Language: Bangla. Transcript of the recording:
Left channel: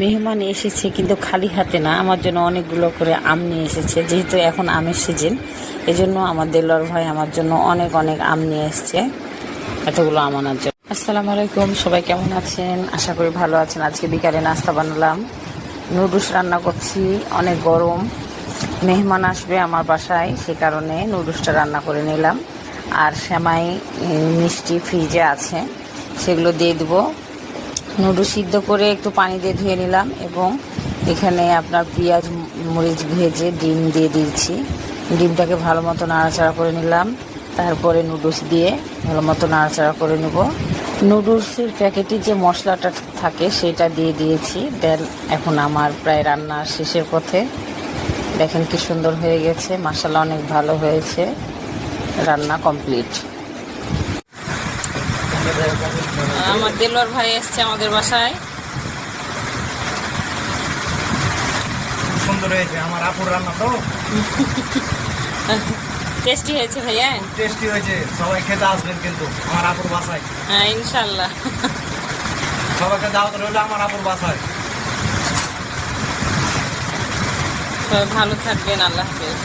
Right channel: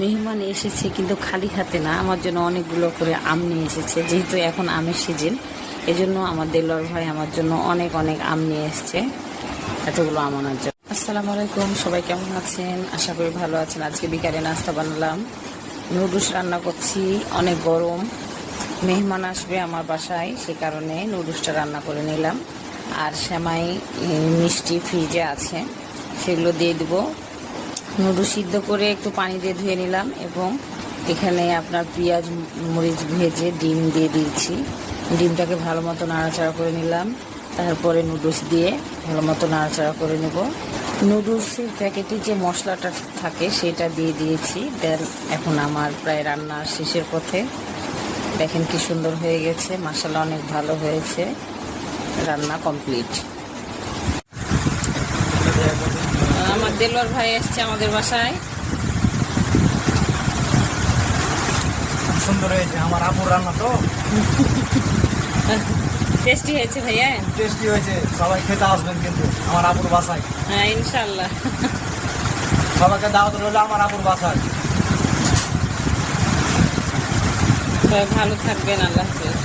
মেহমান এসেছে কিন্তু খালি হাতে না, আমার জন্য অনেকগুলো করে আম নিয়ে এসেছে, যেহেতু এখন আমের সিজন এজন্য আমার দেলোয়ার ভাই আমার জন্য অনেক অনেক আম নিয়ে এসেছে, এতগুলো আম আনার জন্য। আসসালামু আলাইকুম, সবাই কেমন আছেন? আশা করি ভালো আছেন। আজকে বিকালে নাস্তা বানালাম, নুডলস রান্না করছি, অনেক গরম। মেহমান আসবে আমার বাসায়, সে কারণে নুডলসটা রান্না করে নিলাম। আর সেমাই মিষ্টি ফ্রিজে আছে, সেগুলো দিয়ে দেবো। নুডলস সিদ্ধ করে একটু পানি দিয়ে ধুয়ে নিলাম এবং এখানে আপনার পেঁয়াজ, মরিচ ভেজে ডিম দিয়ে দিয়েছি। ডিমটাকে ভালো মতো নাড়াচাড়া করে নিলাম। তারপরে নুডলস দিয়ে ভালো মতো নাড়াচাড়া করে নেব। নুডলসের প্যাকেটে যে মশলাটা থাকে সেটা দিয়ে দিয়েছি। দেন এখন আমার প্রায় রান্না শেষের পথে। দেখেন কি সুন্দর হয়ে গেছে। মশলা অনেক ভালো হয়েছে। রান্না কমপ্লিট। আমার দেলোয়ার ভাই এসছে আমাদের বাসায়। সুন্দর হয়েছে আমার আপুর রান্না তো। টেস্টি হয়েছে ভাইয়া? টেস্টি হয়েছে সবাই খেতে আসবেন কিন্তু আমার আপুর বাসায়। হ্যাঁ ইনশাল্লাহ। সবাইকে দাওয়াত রইল আমার আপুর বাসায়। ভালো থাকবেন আল্লাহ হাফেজ।